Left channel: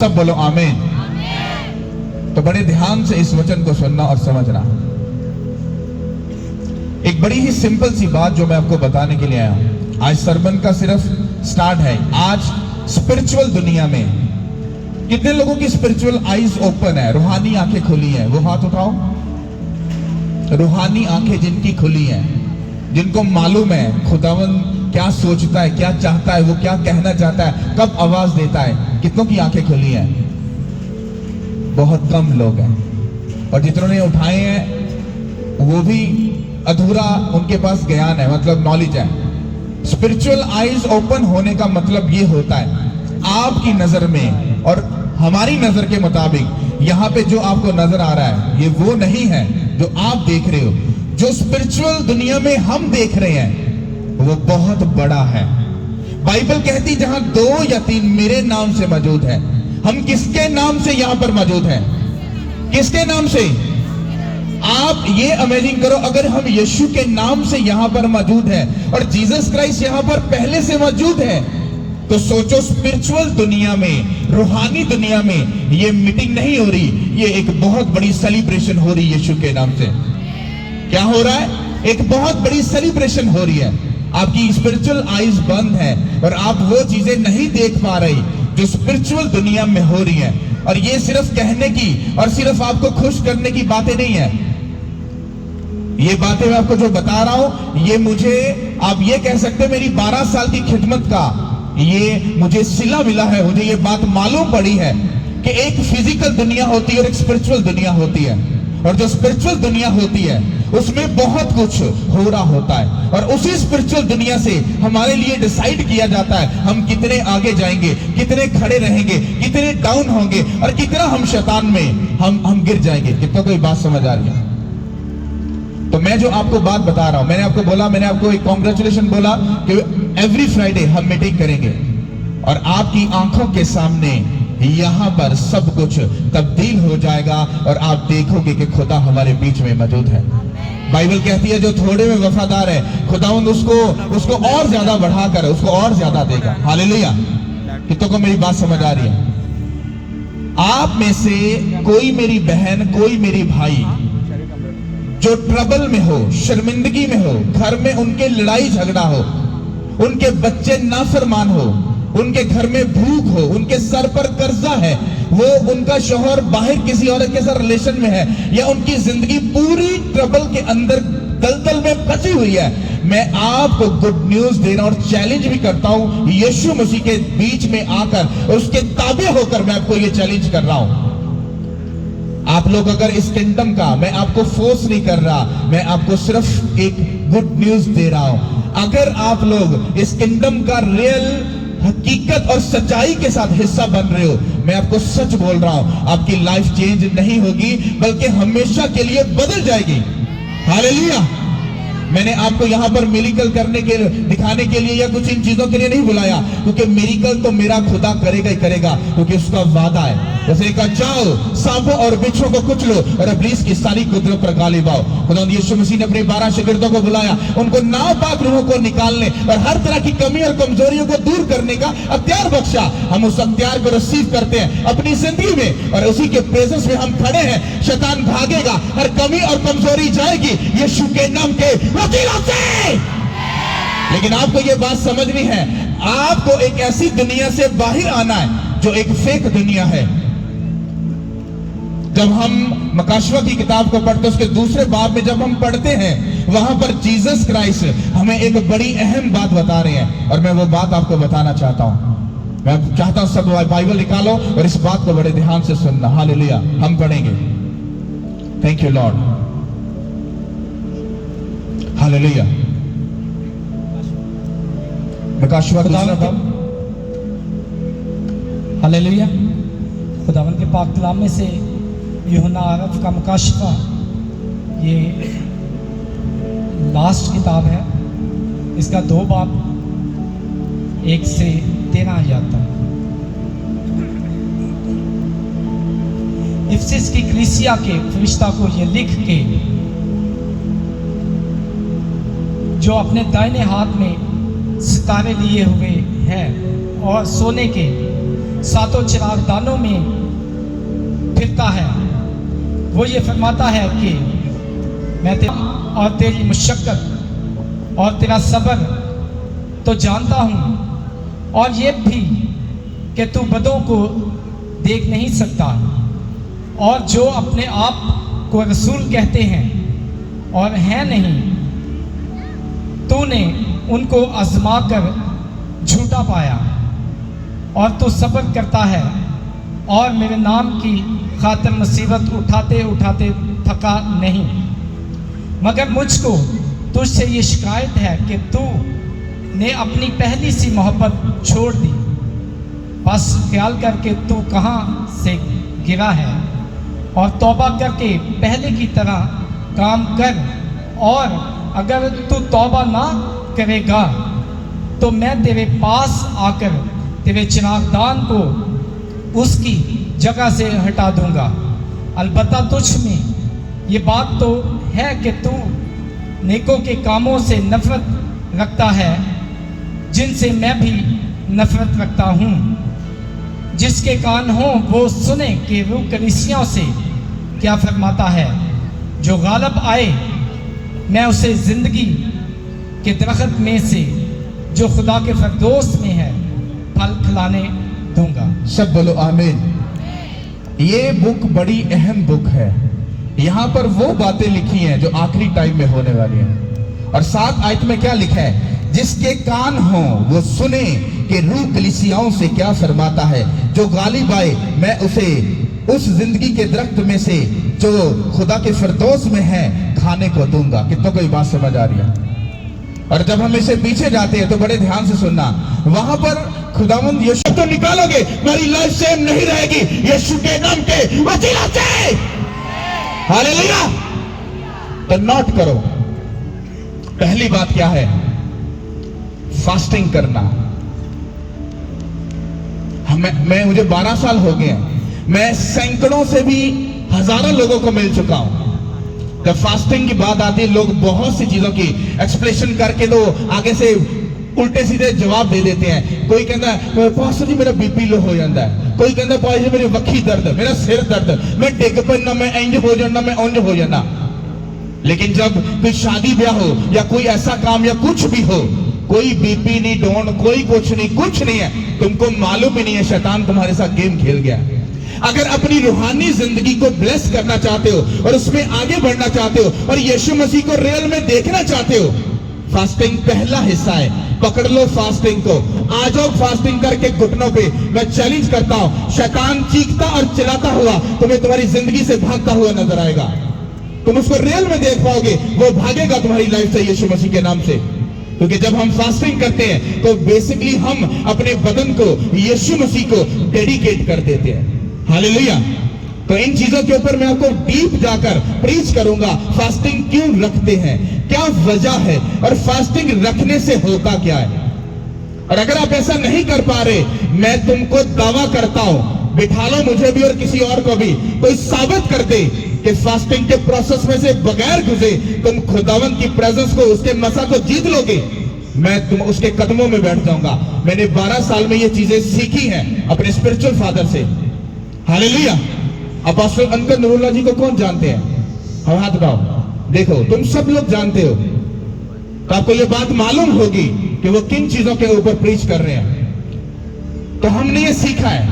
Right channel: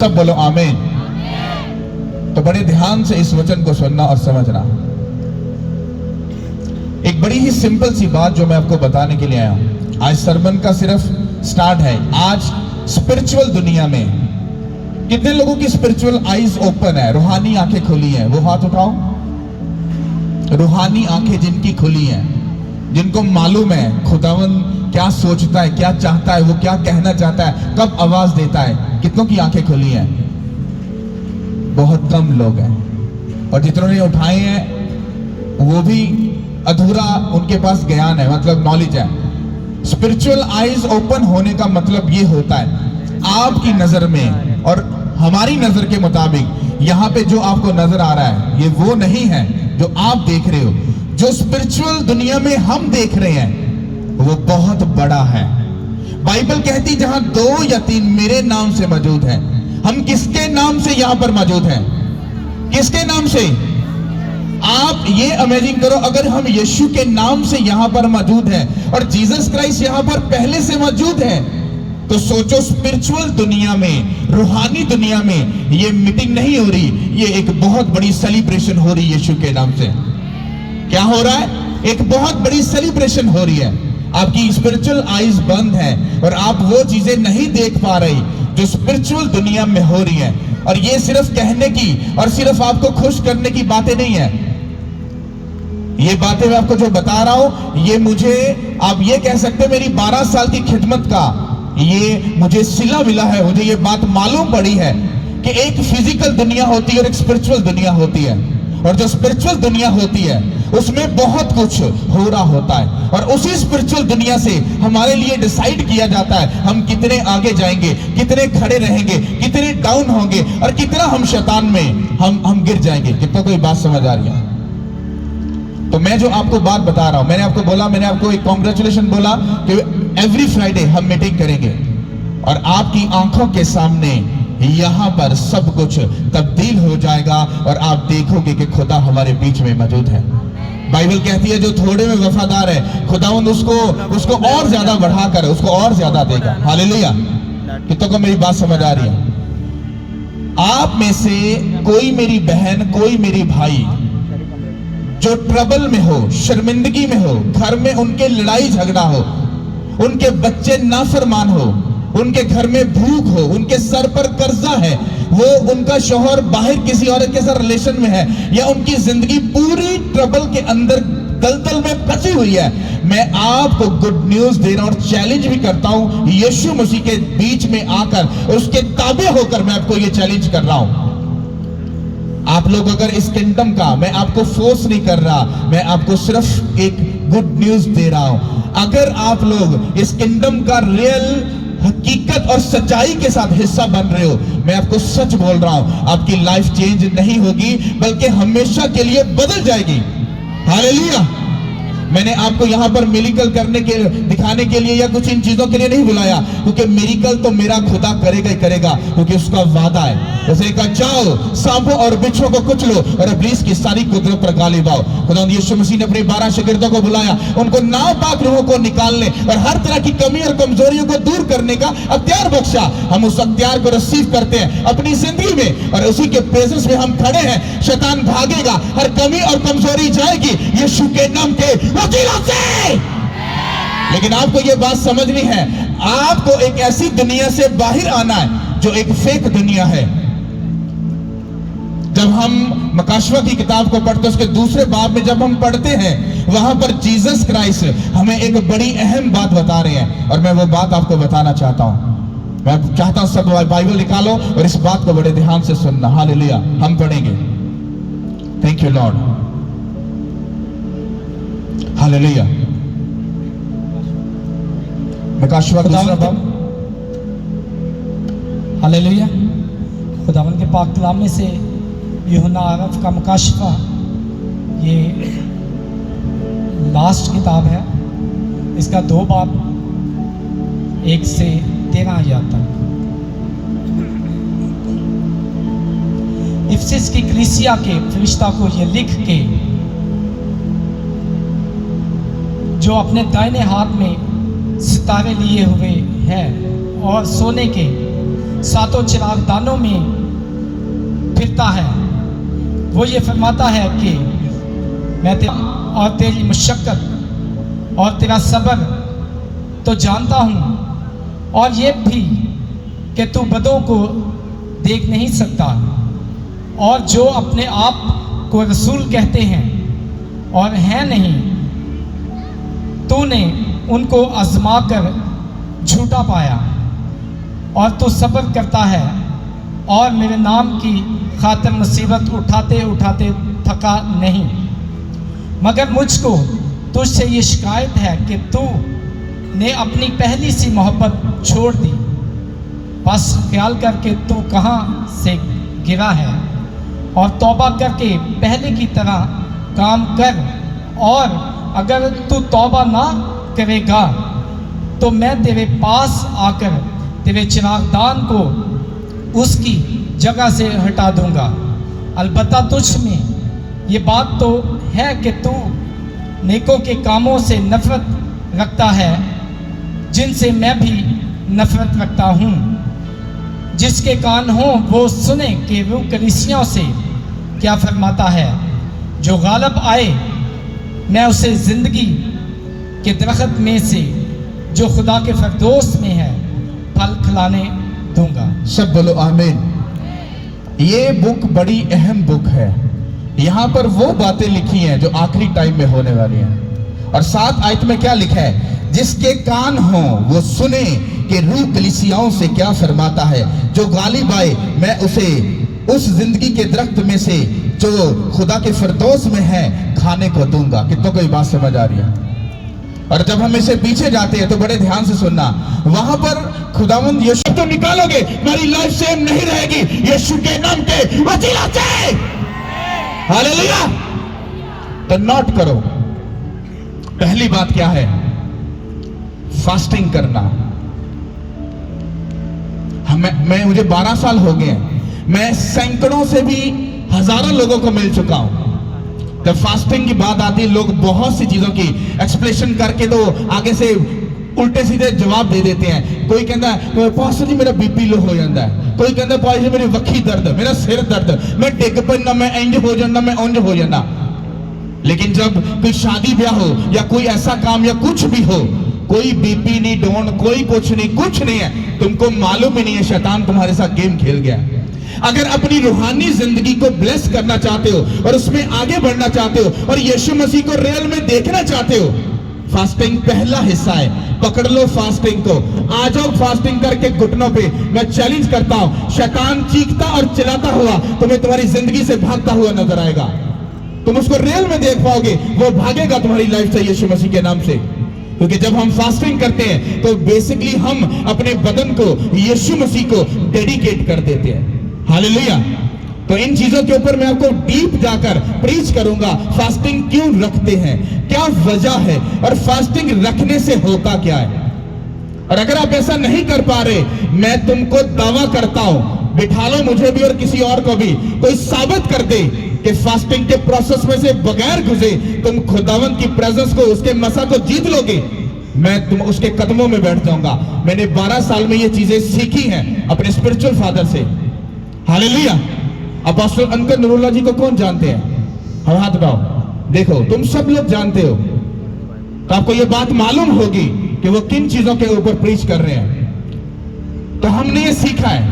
सब बोलो आमीन। तो बड़े ध्यान से इस वचन को सुनना और समझना। एक बड़ी ही सिंपल सी बात जो मैं आपको बताने के लिए आया हूं। आज सरमन का सिर्फ स्टार्ट है। आज स्पिरिचुअल दुनिया में कितने लोगों की स्पिरिचुअल आईज ओपन है, रूहानी आंखें खुली हैं? वो हाथ उठाओ। रूहानी आंखें जिनकी खुली हैं, जिनको मालूम है खुदावन क्या सोचता है, क्या चाहता है, वो क्या कहना चाहता है, कब आवाज देता है, कितनों की आंखें खुली हैं? बहुत कम लोग हैं। और जितनों ने उठाए हैं वो भी अधूरा उनके पास ज्ञान है, मतलब नॉलेज है। स्पिरिचुअल आईज ओपन होने का मतलब ये होता है आपकी नजर में और हमारी नजर के मुताबिक यहाँ पे जो आपको नजर आ रहा है ये वो नहीं है जो आप देख रहे हो। जो स्पिरिचुअल दुनिया में हम देख रहे हैं वो बहुत बड़ा है। बाइबल कहती जहां 2 या 3 मेरे नाम से मौजूद है। हम किसके नाम से यहां पर मौजूद हैं? किसके नाम से? आप ये इमेजिन करो, अगर हम यीशु के नाम से यहां पर मौजूद है और जीसस क्राइस्ट यहां पर पहले से मौजूद है, तो सोचो स्पिरिचुअल दुनिया में, रूहानी दुनिया में ये मीटिंग नहीं हो रही, ये एक बहुत बड़ी सेलिब्रेशन हो रही है यीशु के नाम से। क्या हो रहा है? एक बहुत बड़ी सेलिब्रेशन हो रही है। आपकी स्पिरिचुअल आईज बंद है और आप वो चीजें नहीं देख पा रहे जो स्पिरिचुअल दुनिया में हो रही है। और ये सिर्फ कहने की और सिर्फ आपको खुश करने की बातें नहीं है। ये बातें मैं आपको जो बता रहा हूं, ये मुझे, आप ये कह सकते हैं मेरी 12 साल की खिदमत का ये मुझे सिला मिला है। मुझे ये बात मालूम पड़ी है कि एक फिजिकल दुनिया होती है और एक स्पिरिचुअल दुनिया होती है। और जो स्पिरिचुअल दुनिया होती है उसमें बहुत कुछ हो रहा होता है और उसी स्पिरिचुअल दुनिया से हमारे लिए डिसाइड किया जाता है हम कितने आगे जाएंगे, कितने खड़े रहेंगे, कितने डाउन होंगे और कितना हम शैतान में हम गिर जाएंगे। कितना कोई बात समझ आ रही है? तो मैं जो आपको बात बता रहा हूं, मैंने आपको एक कॉन्ग्रेचुलेशन बोला कि एवरी फ्राइडे हम मीटिंग करेंगे और आपकी आंखों के सामने यहां पर सब कुछ तब्दील हो जाएगा और आप देखोगे कि खुदा हमारे बीच में मौजूद है। बाइबल कहती है जो थोड़े में वफादार है खुदावंद उसको और ज्यादा बढ़ाकर उसको और ज्यादा देगा। हालेलुया। कितनों को मेरी बात समझ आ रही है? आप में से कोई मेरी बहन, कोई मेरी भाई जो ट्रबल में हो, शर्मिंदगी में हो, घर में उनके लड़ाई झगड़ा हो, उनके बच्चे नाफरमान हो, उनके घर में भूख हो, उनके सर पर कर्जा है, वो उनका शौहर बाहर किसी औरत के साथ रिलेशन में है, या उनकी जिंदगी पूरी ट्रबल के अंदर दलदल में फंसी हुई है, मैं आपको गुड न्यूज दे रहा हूं और चैलेंज भी करता हूं यीशु मसीह के बीच में आकर उसके ताबे होकर मैं आपको ये चैलेंज कर रहा हूं। आप लोग अगर इस किंगडम का, मैं आपको फोर्स नहीं कर रहा, मैं आपको सिर्फ एक गुड न्यूज दे रहा हूं। अगर आप लोग इस किंगडम का रियल हकीकत और सच्चाई के साथ हिस्सा बन रहे हो, मैं आपको सच बोल रहा हूं, आपकी लाइफ चेंज नहीं होगी बल्कि हमेशा के लिए बदल जाएगी। हालेलुया। मैंने आपको यहाँ पर मिरेकल करने के दिखाने के लिए या कुछ इन चीजों के लिए नहीं बुलाया, क्योंकि मिरेकल तो मेरा खुदा करेगा ही करेगा, क्योंकि उसका वादा है। जैसे कहा जाओ सांपों और बिच्छुओं को कुचलो और इब्लीस की सारी कुदरत पर गालिब आओ। खुदा यीशु मसीह ने अपने 12 शागिर्दों को बुलाया, उनको नापाक रूहों को निकालने और हर तरह की कमी और कमजोरियों को दूर करने का अख्तियार बख्शा। हम उस अख्तियार को रिसीव करते हैं अपनी जिंदगी में और उसी के प्रेजेंस में हम खड़े हैं। शैतान भागेगा, हर कमी और कमजोरी जाएगी यीशु के नाम के वसीले से। लेकिन आपको ये बात समझनी है, आपको एक ऐसी दुनिया से बाहर आना है जो एक फेक दुनिया है। जब हम मकाशवा की किताब को पढ़ते, उसके दूसरे बाब में जब हम पढ़ते हैं, वहां पर जीसस क्राइस्ट हमें एक बड़ी अहम बात बता रहे हैं और मैं वो बात आपको बताना चाहता हूं। मैं चाहता हूं सब बाइबल निकालो और इस बात को बड़े ध्यान से सुनना। हालेलुया। हम पढ़ेंगे। Thank you Lord. हालेलुया। मकाशवा का दूसरा बाब। हालेलुया। खुदावन के पाक कलाम में से यूहन्ना आरफ का मुकाशफा, ये लास्ट किताब है। इसका 2 बाब 1 से 13 आयत तक। इफिसस की कलीसिया के फरिश्ता को ये लिख के, जो अपने दाहिने हाथ में सितारे लिए हुए हैं और सोने के सातों चिरागदानों में फिरता है, वो ये फरमाता है कि मैं और तेरी मुशक्कत और तेरा सब्र तो जानता हूँ, और ये भी कि तू बदों को देख नहीं सकता, और जो अपने आप को रसूल कहते हैं और हैं नहीं, तूने उनको आजमा कर झूठा पाया, और तू सब्र करता है और मेरे नाम की खातिर मुसीबत उठाते उठाते थका नहीं। मगर मुझको तुझसे ये शिकायत है कि तू ने अपनी पहली सी मोहब्बत छोड़ दी। बस ख्याल करके तू कहाँ से गिरा है, और तौबा करके पहले की तरह काम कर, और अगर तू तौबा ना करेगा तो मैं तेरे पास आकर तेरे चिरागदान को उसकी जगह से हटा दूंगा। अलबत्ता तुझ में ये बात तो है कि तू नेकों के कामों से नफरत रखता है, जिनसे मैं भी नफरत रखता हूँ। जिसके कान हों वो सुने कि रूह कलीसियाओं से क्या फरमाता है। जो गालब आए मैं उसे जिंदगी के दरख्त में से जो खुदा के फरदोस में है फल खिलाने दूंगा। सब बोलो आमीन। ये बुक बड़ी अहम बुक है। यहाँ पर वो बातें लिखी हैं जो आखिरी टाइम में होने वाली हैं। और 7 आयत में क्या लिखा है? जिसके कान हो वो सुने कि रूह कलीसियाओं से क्या फरमाता है। जो गालिब आए मैं उसे उस जिंदगी के दरख्त में से जो खुदा के फिरदौस में है खाने को दूंगा। कितना कोई बात समझ आ रही है? और जब हम इसे पीछे जाते हैं तो बड़े ध्यान से सुनना, वहां पर खुदावंद यीशु तो निकालोगे, मेरी लाइफ सेम नहीं रहेगी यीशु के नाम के वसीला से। हालेलुया। तो नोट करो, पहली बात क्या है? फास्टिंग करना। मुझे 12 साल हो गए, मैं सैकड़ों से भी हजारों लोगों को मिल चुका हूं। जब फास्टिंग की बात आती है, लोग बहुत सी चीजों की एक्सप्लेनेशन करके तो आगे से उल्टे सीधे जवाब दे देते हैं। कोई कहता है पास्टर जी मेरा बीपी लो हो जाता है, कोई कहता है पास्टर जी मेरी वक्खी दर्द, मेरा सिर दर्द, मैं डिग पैना, मैं इंज हो जाना, मैं उंज हो जाना। लेकिन जब कोई शादी ब्याह हो या कोई ऐसा काम या कुछ भी हो, कोई बीपी नहीं, डोन, कोई कुछ नहीं है। तुमको मालूम ही नहीं है शैतान तुम्हारे साथ गेम खेल गया। अगर अपनी रूहानी जिंदगी को ब्लेस करना चाहते हो और उसमें आगे बढ़ना चाहते हो और यीशु मसीह को रियल में देखना चाहते हो, फास्टिंग पहला हिस्सा है। पकड़ लो फास्टिंग को। आ जाओ फास्टिंग करके घुटनों पे। मैं चैलेंज करता हूं, शैतान चीखता और चिल्लाता हुआ तुम्हें तुम्हारी जिंदगी से भागता हुआ नजर आएगा। तुम उसको रियल में देख पाओगे, वो भागेगा तुम्हारी लाइफ से यीशु मसीह के नाम से। क्योंकि जब हम फास्टिंग करते हैं तो बेसिकली हम अपने बदन को यीशु मसीह को डेडिकेट कर देते हैं। हालेलुया। तो इन चीजों के ऊपर मैं आपको डीप जाकर प्रीच करूंगा। फास्टिंग क्यों रखते हैं, क्या वजह है, और फास्टिंग रखने से होता क्या है। और अगर आप ऐसा नहीं कर पा रहे, मैं तुमको दावा करता हूं, बिठा लो मुझे भी और किसी और को भी, कोई साबित कर दे कि फास्टिंग के प्रोसेस में से बगैर गुजरे तुम खुदावंद की प्रेजेंस को, उसके मसा को जीत लोगे, मैं तुम उसके कदमों में बैठ जाऊंगा। मैंने 12 साल में ये चीजें सीखी हैं अपने स्पिरिचुअल फादर से। हालेलुया। अपोस्टल अंकल नूरुल्लाह जी को कौन जानते हैं? हम हाथ उठाओ। देखो तुम सब लोग जानते हो, तो आपको ये बात मालूम होगी कि वो किन चीजों के ऊपर प्रीच कर रहे हैं। तो हमने ये सीखा है।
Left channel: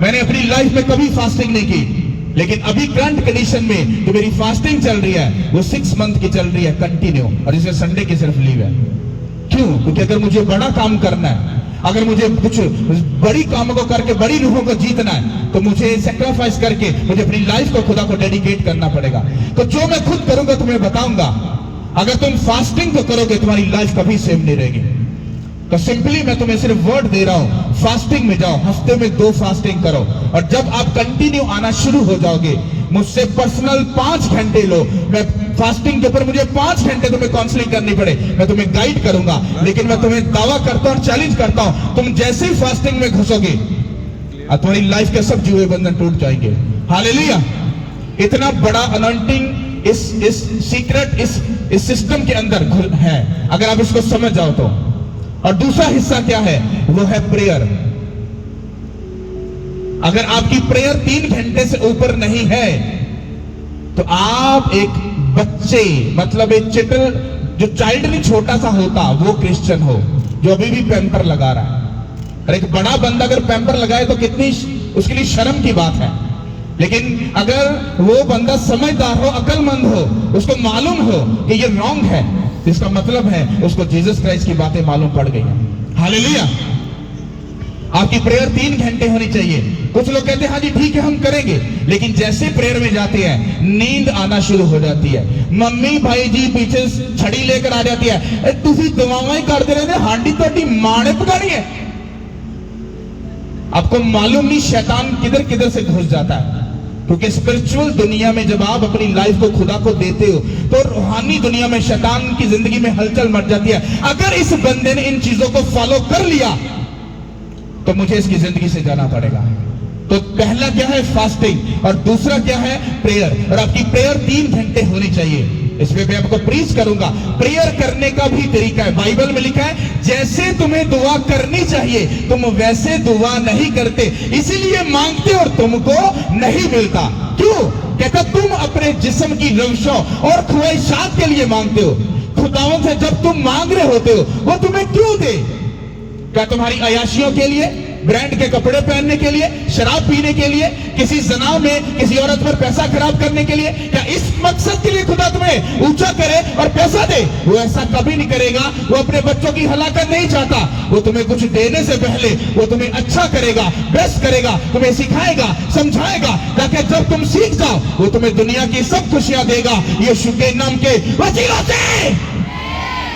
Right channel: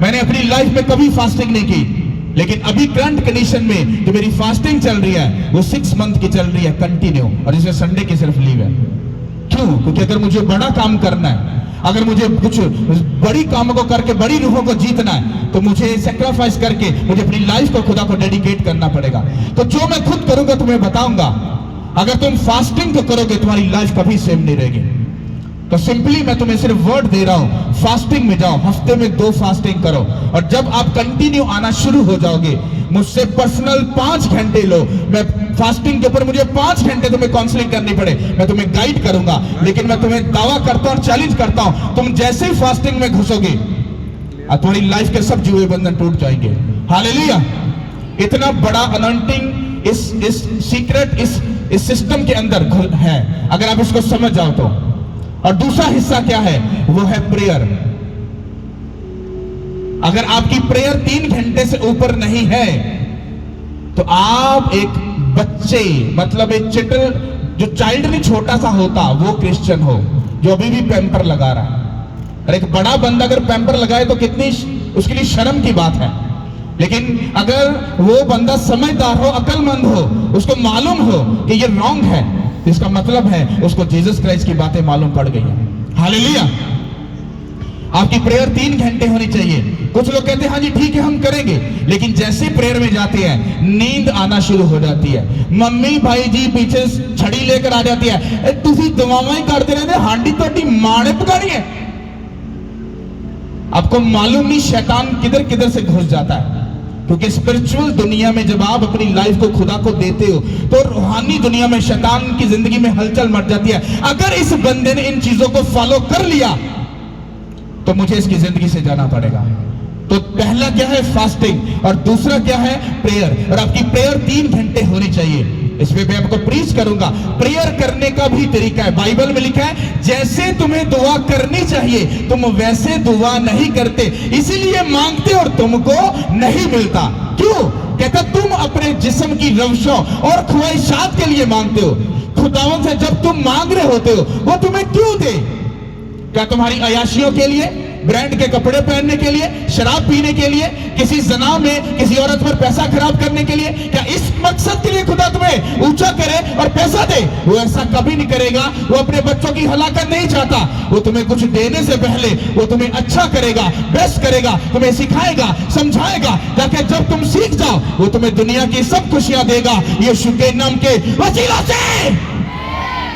मैंने अपनी लाइफ में कभी फास्टिंग नहीं की, लेकिन अभी करंट कंडीशन में जो मेरी फास्टिंग चल रही है वो 6 मंथ की चल रही है कंटिन्यू, और इसमें संडे की सिर्फ लीव है। क्यों? क्योंकि अगर मुझे बड़ा काम करना है, अगर मुझे कुछ बड़ी कामों को करके बड़ी रूहों को जीतना है, तो मुझे सैक्रिफाइस करके मुझे अपनी लाइफ को खुदा को डेडिकेट करना पड़ेगा। तो जो मैं खुद करूंगा तुम्हें बताऊंगा। अगर तुम फास्टिंग को करोगे तुम्हारी लाइफ कभी सेम नहीं रहेगी। तो सिंपली मैं तुम्हें सिर्फ वर्ड दे रहा हूं, फास्टिंग में जाओ, हफ्ते में 2 फास्टिंग करो, और जब आप कंटिन्यू आना शुरू हो जाओगे, मुझसे पर्सनल 5 घंटे लो। मैं फास्टिंग के ऊपर मुझे 5 घंटे तुम्हें काउंसलिंग करनी पड़े, मैं तुम्हें गाइड करूंगा। लेकिन मैं तुम्हें दावा करता हूं, चैलेंज करता हूं, तुम जैसे ही फास्टिंग में घुसोगे तुम्हारी लाइफ के सब जुए बंधन टूट जाएंगे। हालेलुया। इतना बड़ा अनॉइंटिंग इस सीक्रेट इस सिस्टम के अंदर है, अगर आप इसको समझ जाओ तो। और दूसरा हिस्सा क्या है? वो है प्रेयर। अगर आपकी प्रेयर 3 घंटे से ऊपर नहीं है तो आप एक बच्चे, मतलब एक चिटल, जो चाइल्ड भी छोटा सा होता वो क्रिश्चियन हो, जो अभी भी पैम्पर लगा रहा है। और एक बड़ा बंदा अगर पैम्पर लगाए तो कितनी उसके लिए शर्म की बात है। लेकिन अगर वो बंदा समझदार हो, अक्लमंद हो, उसको मालूम हो कि ये रॉन्ग है, इसका मतलब है उसको जीसस क्राइस्ट की बातें मालूम पड़ गई। हालेलुया। आपकी प्रेयर 3 घंटे होनी चाहिए। कुछ लोग कहते हैं हाँ जी ठीक है हम करेंगे, लेकिन जैसे प्रेयर में जाते हैं नींद आना शुरू हो जाती है। मम्मी भाई जी पीछे छड़ी लेकर आ जाती है, तुसी दुआएं करते रहते, हांडी तो मां ने पकानी है। आपको मालूम नहीं शैतान किधर किधर से घुस जाता है, क्योंकि स्पिरिचुअल दुनिया में जब आप अपनी लाइफ को खुदा को देते हो तो रूहानी दुनिया में शैतान की जिंदगी में हलचल मच जाती है। अगर इस बंदे ने इन चीजों को फॉलो कर लिया तो मुझे इसकी जिंदगी से जाना पड़ेगा। तो पहला क्या है? फास्टिंग, और दूसरा क्या है? प्रेयर। और आपकी प्रेयर 3 घंटे होनी चाहिए। इस पे मैं आपको प्रीच करूंगा। प्रेयर करने का भी तरीका है, बाइबल में लिखा है जैसे तुम्हें दुआ करनी चाहिए तुम वैसे दुआ नहीं करते, इसीलिए मांगते और तुमको नहीं मिलता। क्यों? कहता तुम अपने जिस्म की रविशों और ख्वाहिशात के लिए मांगते हो। खुदावंद से जब तुम मांग रहे होते हो वो तुम्हें क्यों दे? क्या तुम्हारी अयाशियों के लिए, ब्रांड के कपड़े पहनने के लिए, शराब पीने के लिए, किसी जना में किसी औरत पर पैसा खराब करने के लिए? क्या इस मकसद के लिए खुदा तुम्हें ऊंचा करे और पैसा दे? वो ऐसा कभी नहीं करेगा। वो अपने बच्चों की हलाकत नहीं चाहता। वो तुम्हें कुछ देने से पहले वो तुम्हें अच्छा करेगा, बेस्ट करेगा, तुम्हें सिखाएगा, समझाएगा, ताकि जब तुम सीख जाओ वो तुम्हें दुनिया की सब खुशियां देगा यीशु के नाम के वसीला से।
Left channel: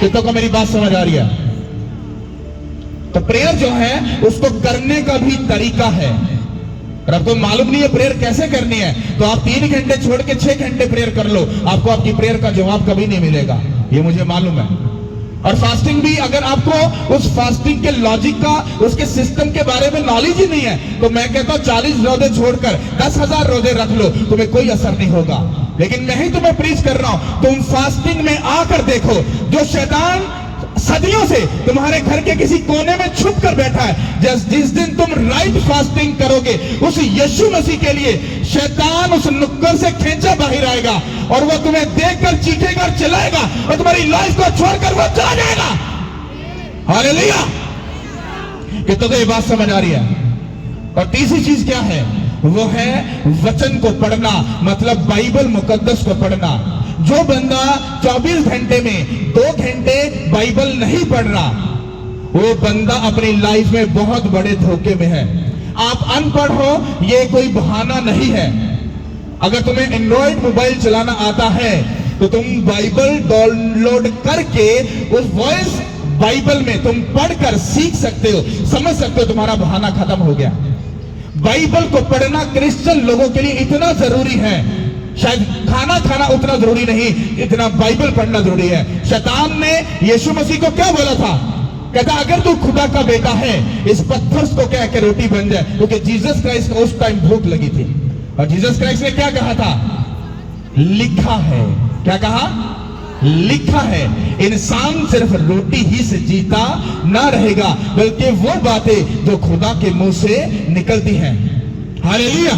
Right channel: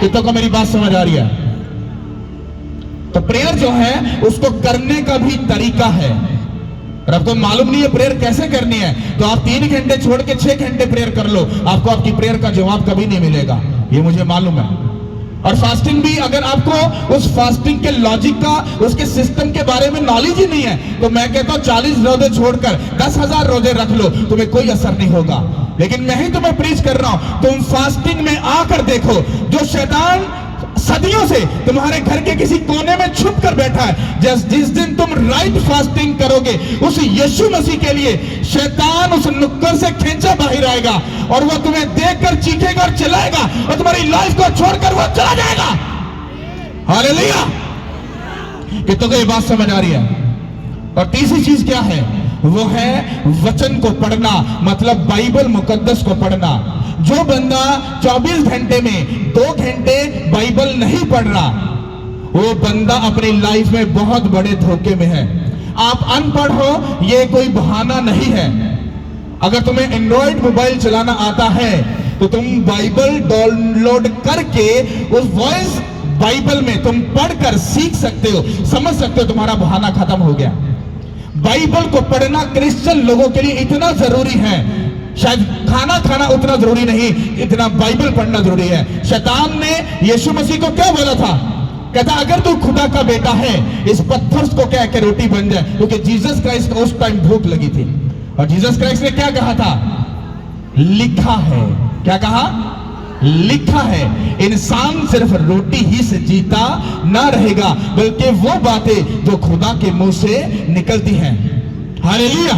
कितनों को मेरी बात समझ आ रही है? तो प्रेयर जो है उसको करने का भी तरीका है। और आपको मालूम नहीं है प्रेयर कैसे करनी है, तो आप 3 घंटे छोड़ के 6 घंटे प्रेयर कर लो, आपको आपकी प्रेयर का जवाब कभी नहीं मिलेगा, ये मुझे मालूम है। और फास्टिंग भी, अगर आपको उस फास्टिंग के लॉजिक का, उसके सिस्टम के बारे में नॉलेज ही नहीं है, तो मैं कहता हूं 40 रोजे छोड़कर 10,000 रोजे रख लो, तुम्हें कोई असर नहीं होगा। लेकिन मैं ही तुम्हें प्रीच कर रहा हूं, तुम फास्टिंग में आकर देखो, जो शैतान सदियों से तुम्हारे घर के किसी कोने में छुप कर बैठा है, जिस दिन तुम राइट फास्टिंग करोगे उस यीशु मसीह के लिए, शैतान उस नुक्कड़ से खींचा बाहर आएगा और वह तुम्हें देखकर चीखेगा और चिल्लाएगा और तुम्हारी लाइफ को छोड़कर वह चला जाएगा। हालेलुया। कितनों को ये बात समझ आ रही है? और तीसरी चीज क्या है? वो है वचन को पढ़ना, मतलब बाइबल मुकद्दस को पढ़ना। जो बंदा 24 घंटे में 2 घंटे बाइबल नहीं पढ़ रहा, वो बंदा अपनी लाइफ में बहुत बड़े धोखे में है। आप अनपढ़ हो ये कोई बहाना नहीं है। अगर तुम्हें एंड्रॉइड मोबाइल चलाना आता है तो तुम बाइबल डाउनलोड करके उस वॉइस बाइबल में तुम पढ़कर सीख सकते हो, समझ सकते हो, तुम्हारा बहाना खत्म हो गया। बाइबल को पढ़ना क्रिश्चियन लोगों के लिए इतना जरूरी है, शायद खाना खाना उतना जरूरी नहीं, इतना बाइबल पढ़ना जरूरी है। शैतान ने यीशु मसीह को क्या बोला था? कहता अगर तू खुदा का बेटा है इस पत्थर को क्या के रोटी बन जाए, क्योंकि जीसस क्राइस्ट को उस टाइम भूख लगी थी। और जीसस क्राइस्ट ने क्या कहा था? लिखा है। क्या कहा? लिखा है, इंसान सिर्फ रोटी ही से जीता ना रहेगा, बल्कि वो बातें जो खुदा के मुंह से निकलती हैं। हालेलुया।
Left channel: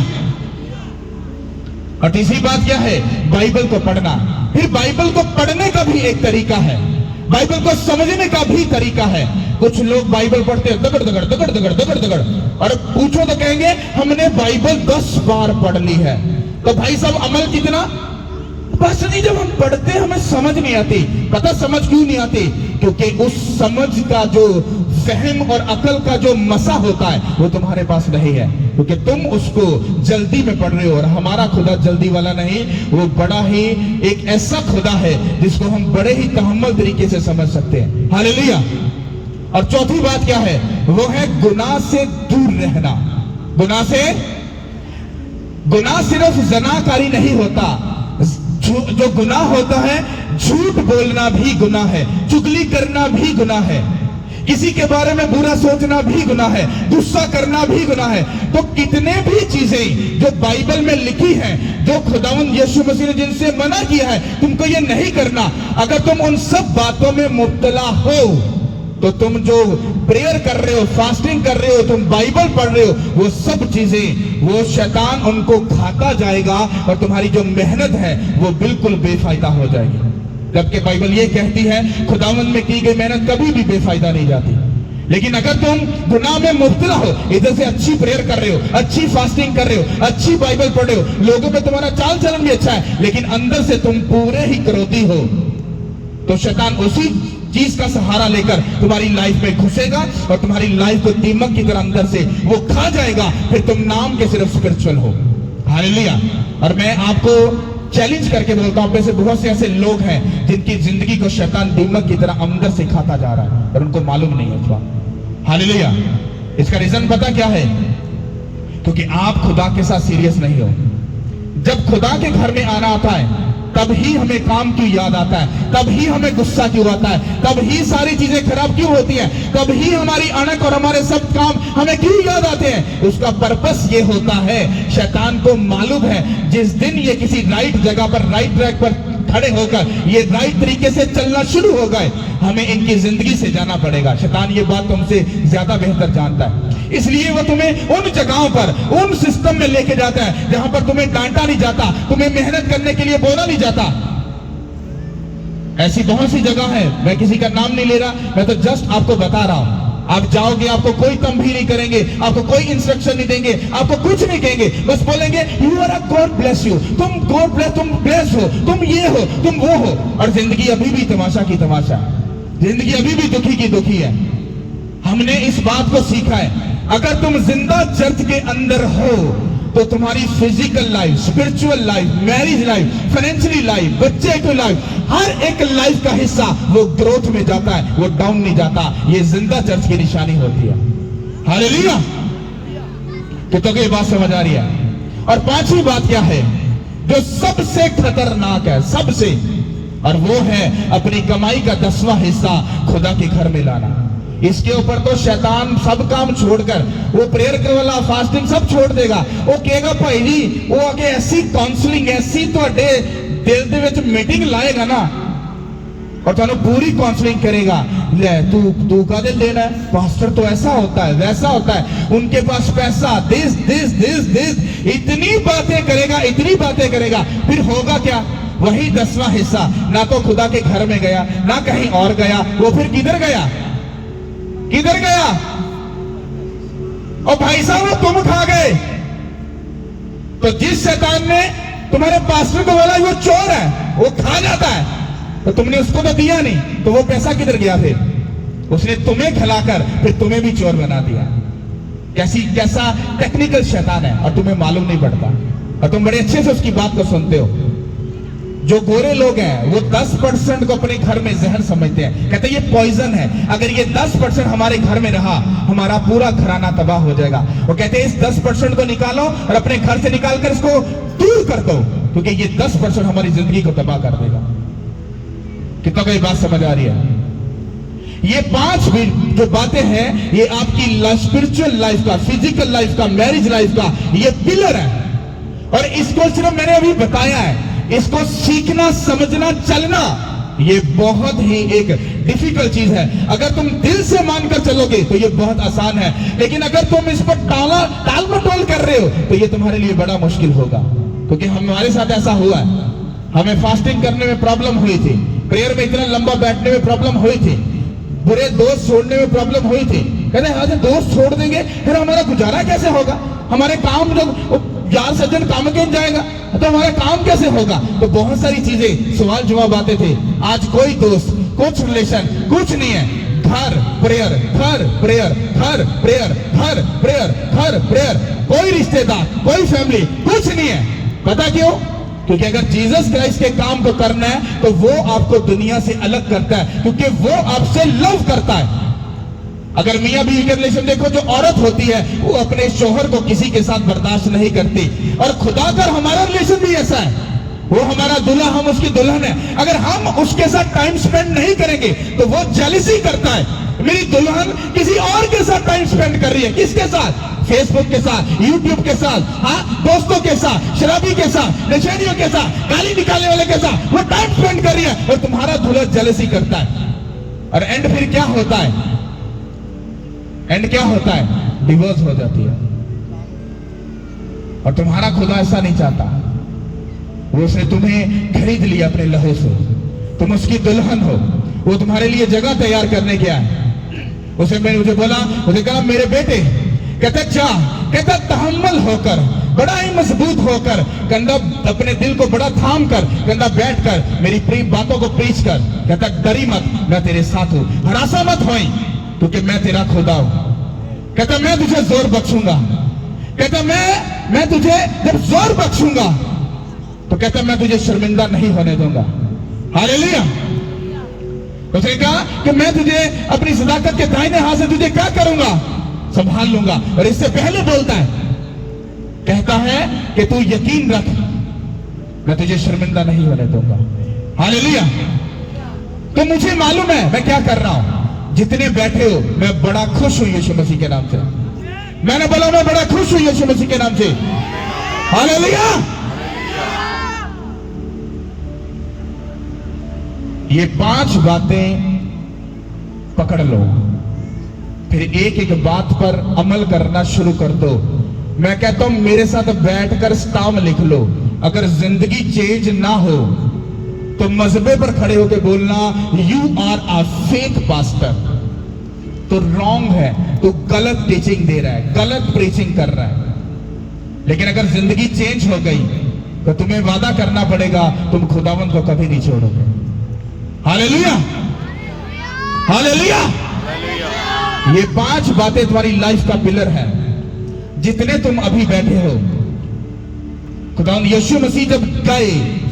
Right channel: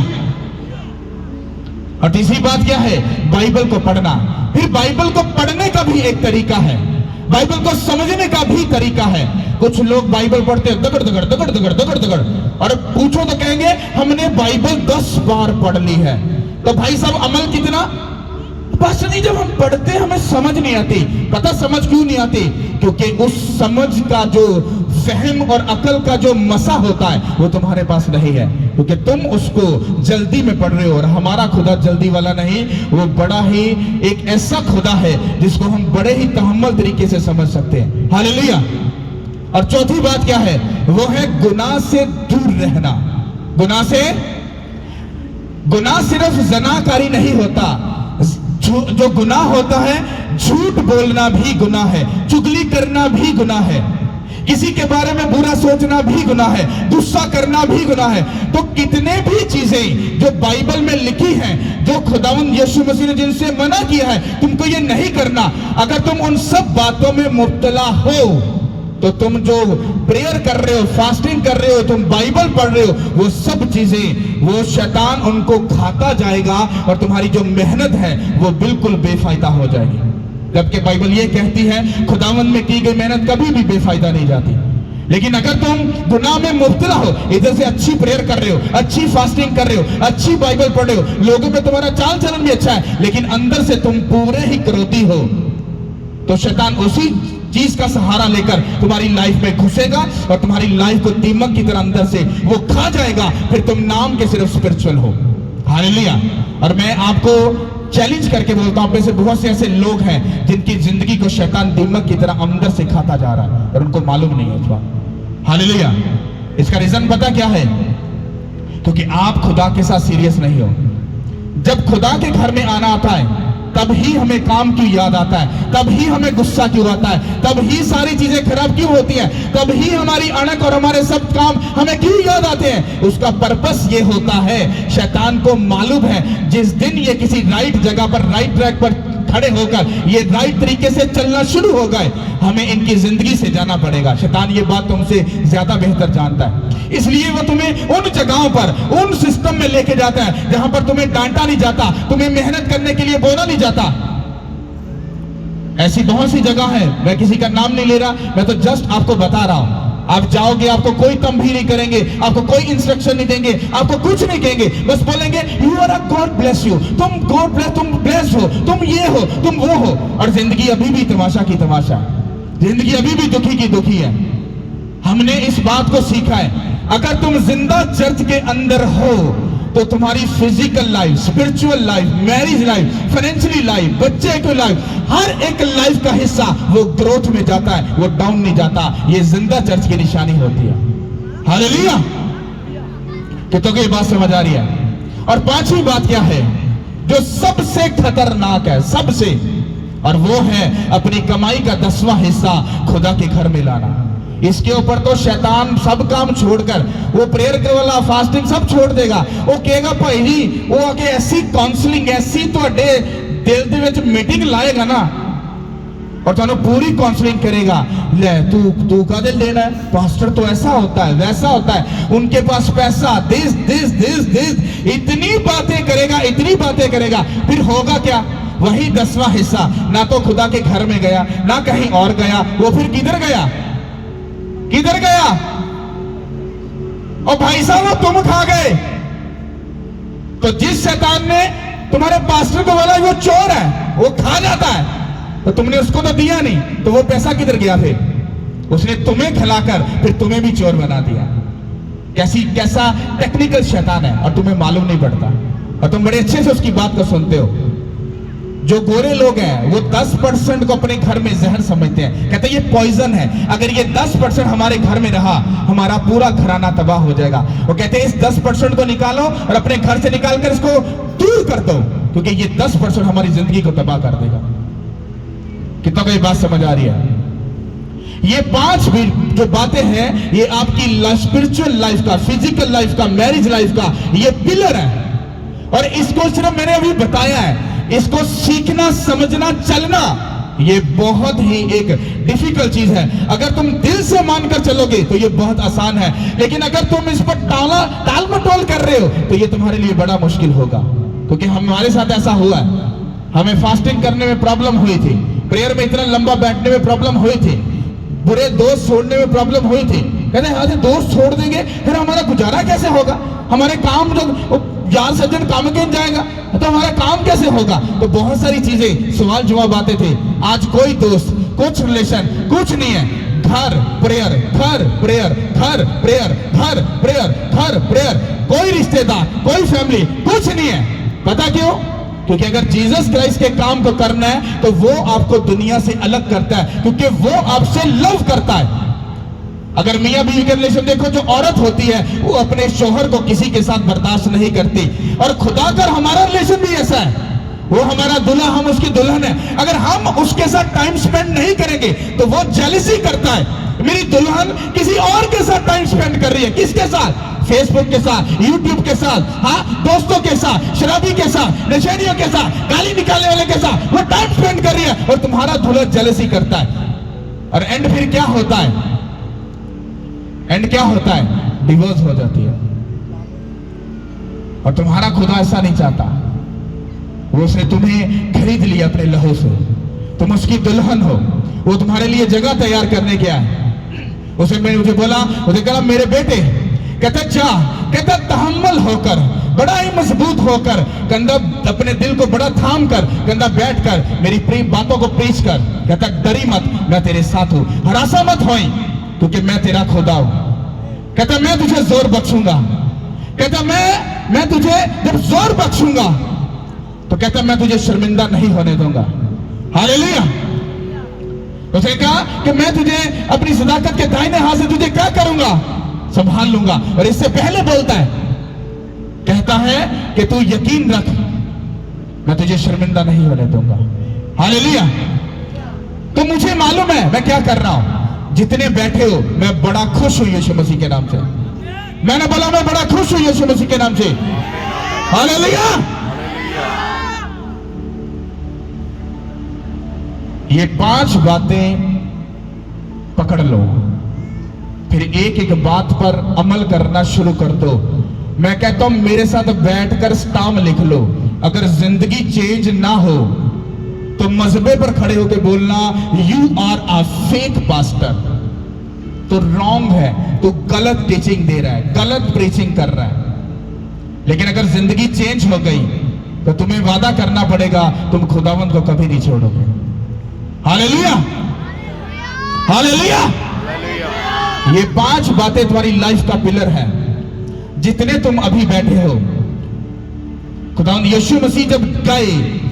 और तीसरी बात क्या है? बाइबल को पढ़ना। फिर बाइबल को पढ़ने का भी एक तरीका है, बाइबल को समझने का भी तरीका है। कुछ लोग बाइबल पढ़ते हैं दगड़ दगड़ दगड़ दगड़ दगड़ दगड़, और पूछो तो कहेंगे हमने बाइबल 10 बार पढ़ ली है। तो भाई साहब अमल कितना? बस नहीं, जब हम पढ़ते हैं हमें समझ नहीं आती। पता समझ क्यों नहीं आती? क्योंकि उस समझ का जो फहम और अकल का जो मसा होता है वो तुम्हारे पास नहीं है, क्योंकि तुम उसको जल्दी में पढ़ रहे हो। और हमारा खुदा जल्दी वाला नहीं, वो बड़ा ही एक ऐसा खुदा है जिसको हम बड़े ही तहम्मुल तरीके से समझ सकते हैं। हालेलुया। और चौथी बात क्या है? वो है गुनाह से दूर रहना। गुनाह सिर्फ जनाकारी नहीं होता, जो गुनाह होता है झूठ बोलना भी गुनाह है, चुगली करना भी गुनाह है, किसी के बारे में बुरा सोचना भी गुनाह है, गुस्सा करना भी गुनाह है। तो कितने भी चीजें जो बाइबल में लिखी हैं, जो खुदावंद यीशु मसीह ने जिनसे मना किया है तुमको ये नहीं करना, अगर तुम उन सब बातों में मुब्तला हो तो तुम जो प्रेयर कर रहे हो, फास्टिंग कर रहे हो, तुम बाइबल पढ़ रहे हो, वो सब चीजें वो शैतान उनको खाता जाएगा और तुम्हारी जो मेहनत है वो बिल्कुल बेफायदा हो जाएगी। जबकि बाइबल ये कहती है खुदावंद में की गई मेहनत कभी भी बेफायदा नहीं जाती। लेकिन अगर तुम गुनाह में मुब्तला हो, इधर से अच्छी प्रेयर कर रहे हो, अच्छी फास्टिंग कर रहे हो, अच्छी बाइबल पढ़ रहे हो, लोगों में तुम्हारा चाल चलन भी अच्छा है, लेकिन अंदर से तुम पूरे ही क्रोधी हो, तो शैतान उसी चीज का सहारा लेकर तुम्हारी लाइफ में घुसेगा और तुम्हारी लाइफ को दीमक की तरह अंदर से वो खा जाएगा। फिर तुम नाम के सिर्फ स्पिरिचुअल हो। हालेलुया। और मैं आपको चैलेंज करके बोलता हूं, से बहुत से ऐसे लोग हैं जिनकी जिंदगी को शैतान दीमक की तरह अंदर से खाता जा रहा है और उनको मालूम नहीं है। हालेलुया। इसका रीजन पता क्या है? क्योंकि आप खुदा के साथ सीरियस नहीं हो। जब खुदा के घर में आना आता है तब ही हमें काम क्यों याद आता है, तब ही हमें गुस्सा क्यों आता है, तब ही सारी चीजें खराब क्यों होती है, तब ही हमारी अणक और हमारे सब काम हमें क्यों याद आते हैं। उसका पर्पस ये होता है, शैतान को मालूम है जिस दिन ये किसी राइट जगह पर, राइट ट्रैक पर खड़े होकर ये राइट तरीके से चलना शुरू हो गए, हमें इनकी जिंदगी से जाना पड़ेगा। शैतान ये बात तुमसे ज्यादा बेहतर जानता है, इसलिए वो तुम्हें उन जगहों पर, उन सिस्टम में लेके जाता है जहां पर तुम्हें डांटा नहीं जाता, तुम्हें मेहनत करने के लिए बोला नहीं जाता। ऐसी बहुत सी जगह है, मैं किसी का नाम नहीं ले रहा, मैं तो जस्ट आपको बता रहा हूं। आप जाओगे, आपको कोई कम भी नहीं करेंगे, आपको कोई इंस्ट्रक्शन नहीं देंगे, आपको कुछ नहीं कहेंगे, बस बोलेंगे you are a god bless you, तुम गॉड ब्लेस, तुम ब्लेस हो, तुम ये हो, तुम वो हो। और जिंदगी अभी भी तमाशा की तमाशा, जिंदगी अभी भी दुखी की दुखी है। हमने इस बात को सीखा है, अगर तुम जिंदा चर्च के अंदर हो तो तुम्हारी physical life, spiritual life, marriage life, financially life, बच्चे की लाइफ, हर एक लाइफ का हिस्सा वो ग्रोथ में जाता है, वो डाउन नहीं जाता। ये जिंदा चर्च की निशानी होती है। हालेलुया। कितनों को ये बात समझ आ रही है? और पांचवी बात क्या है जो सबसे खतरनाक है, सबसे, और वो है अपनी कमाई का 10वां हिस्सा खुदा के घर में लाना। इसके ऊपर तो शैतान सब काम छोड़कर, वो प्रेयर कर वाला, फास्टिंग सब छोड़ देगा। वो कहेगा भाई जी, वो आगे ऐसी काउंसलिंग, ऐसी ਤੁਹਾਡੇ दिल ਦੇ ਵਿੱਚ मीटिंग लाएगा ना और ਤੁਹਾਨੂੰ पूरी काउंसलिंग करेगा। ले तू कादे लेना है, पास्टर तो ऐसा होता है, वैसा होता है, उनके पास पैसा, दिस, इतनी बातें करेगा, इतनी बातें करेगा, फिर होगा क्या? वही 10वां हिस्सा ना तो खुदा के घर में गया, ना कहीं और गया, वो फिर किधर गया? किधर गया? और भाई साहब तुम खा गए। तो जिस शैतान ने तुम्हारे पास्टर को बोला वो चोर है, वो खा जाता है, तो तुमने उसको तो दिया नहीं, तो वो पैसा किधर गया? फिर उसने तुम्हें खिलाकर फिर तुम्हें भी चोर बना दिया। कैसा टेक्निकल शैतान है और तुम्हें मालूम नहीं पड़ता, और तुम बड़े अच्छे से उसकी बात को सुनते हो। जो गोरे लोग हैं वो 10% को अपने घर में जहर समझते हैं, कहते हैं ये पॉइजन है, अगर ये 10% हमारे घर में रहा हमारा पूरा घराना तबाह हो जाएगा। वो कहते हैं इस 10% को निकालो और अपने घर से निकालकर इसको दूर कर दो, क्योंकि ये 10% हमारी जिंदगी को तबाह कर देगा। कितना को ये बात समझ आ रही है? ये 5 भी जो बातें हैं ये आपकी स्पिरिचुअल लाइफ का, फिजिकल लाइफ का, मैरिज लाइफ का ये पिलर है। और इसको सिर्फ मैंने अभी बताया है, इसको सीखना, समझना, चलना ये बहुत ही एक डिफिकल्ट चीज है। अगर तुम दिल से मानकर चलोगे तो ये बहुत आसान है, लेकिन अगर तुम इस पर टाल मटोल कर रहे हो तो ये तुम्हारे लिए बड़ा मुश्किल होगा। क्योंकि हमारे साथ ऐसा हुआ है, हमें फास्टिंग करने में प्रॉब्लम हुई थी, प्रेयर में इतना लंबा बैठने में प्रॉब्लम हुई थी, बुरे दोस्त छोड़ने में प्रॉब्लम हुई थी। कहते हैं दोस्त छोड़ देंगे फिर हमारा गुजारा कैसे होगा, हमारे काम जब जान सज्जन काम के जाएगा तो हमारा काम कैसे होगा। तो बहुत सारी चीजें, सवाल जवाब आते थे। आज कोई दोस्त, कुछ रिलेशन, कुछ नहीं है। घर प्रेयर, घर प्रेयर, घर प्रेयर, घर प्रेयर, घर प्रेयर, कोई रिश्तेदार, कोई फैमिली, कुछ नहीं है। पता क्यों? क्योंकि अगर जीसस क्राइस्ट के काम को करना है तो वो आपको दुनिया से अलग करता है, क्योंकि वो आपसे लव करता है। अगर मियां बीवी का रिलेशन देखो, जो औरत होती है वो अपने शोहर को किसी के साथ बर्दाश्त नहीं करती, और खुदा का हमारा रिलेशन भी ऐसा है। वो हमारा दूल्हा, हम उसकी दुल्हन है। अगर हम उसके साथ टाइम स्पेंड नहीं करेंगे तो वो जेलसी करता है, मेरी दुल्हन किसी और के साथ टाइम स्पेंड कर रही है। किसके साथ? फेसबुक के साथ, यूट्यूब के साथ, हाँ, दोस्तों के साथ, शराबी के साथ, नशेड़ियों के साथ, गाली निकालने वाले के साथ वो टाइम स्पेंड कर रही है, और तुम्हारा दूल्हा जेलसी करता है। और एंड फिर क्या होता है? एंड क्या होता है? डिवोर्स हो जाती है। और तुम्हारा खुदा ऐसा नहीं चाहता। वो उसने तुम्हें खरीद लिया अपने लहू से, तुम उसकी दुल्हन हो। वो तुम्हारे लिए जगह तैयार करने गया है। उसने मुझे बोला, मुझे कहा मेरे बेटे, कहते जा, कहते तहम्मुल होकर, बड़ा ही मजबूत होकर, कंधा अपने दिल को बड़ा थाम कर, कंधा बैठ कर मेरी प्रेम बातों को प्रीच कर। कहता डरी मत, मैं तेरे साथ हूं, हरासा मत होई, क्योंकि मैं तेरा खुदा हूं। कहता मैं तुझे जोर बख्शूंगा। कहता मैं तुझे जब जोर बख्शूंगा तो कहता मैं तुझे शर्मिंदा नहीं होने दूंगा। हालेलुया। उसने कहा कि मैं तुझे अपनी सदाकत के दाहिने हाथ से तुझे क्या करूंगा? संभाल लूंगा। और इससे पहले बोलता है, कहता है कि तू यकीन रख, मैं तुझे शर्मिंदा नहीं होने दूंगा। हालेलुया। तो मुझे मालूम है मैं क्या कर रहा हूं। जितने बैठे हो, मैं बड़ा खुश हूं यीशु मसीह के नाम से। मैंने बोला मैं बड़ा खुश हूं यीशु मसीह के नाम से। हालेलुया। ये 5 बातें पकड़ लो, फिर एक एक बात पर अमल करना शुरू कर दो। मैं कहता हूं मेरे साथ बैठकर स्टाम लिख लो। अगर जिंदगी चेंज ना हो तो मजबे पर खड़े होकर बोलना, you are a fake pastor. तो रॉन्ग है, तो गलत टीचिंग दे रहा है, गलत प्रीचिंग कर रहा है। लेकिन अगर जिंदगी चेंज हो गई तो तुम्हें वादा करना पड़ेगा, तुम खुदावंद को कभी नहीं छोड़ोगे। Hallelujah, hallelujah. ये 5 बातें तुम्हारी लाइफ का पिलर है। जितने तुम अभी बैठे हो, खुदावंद यीशु मसीह जब गए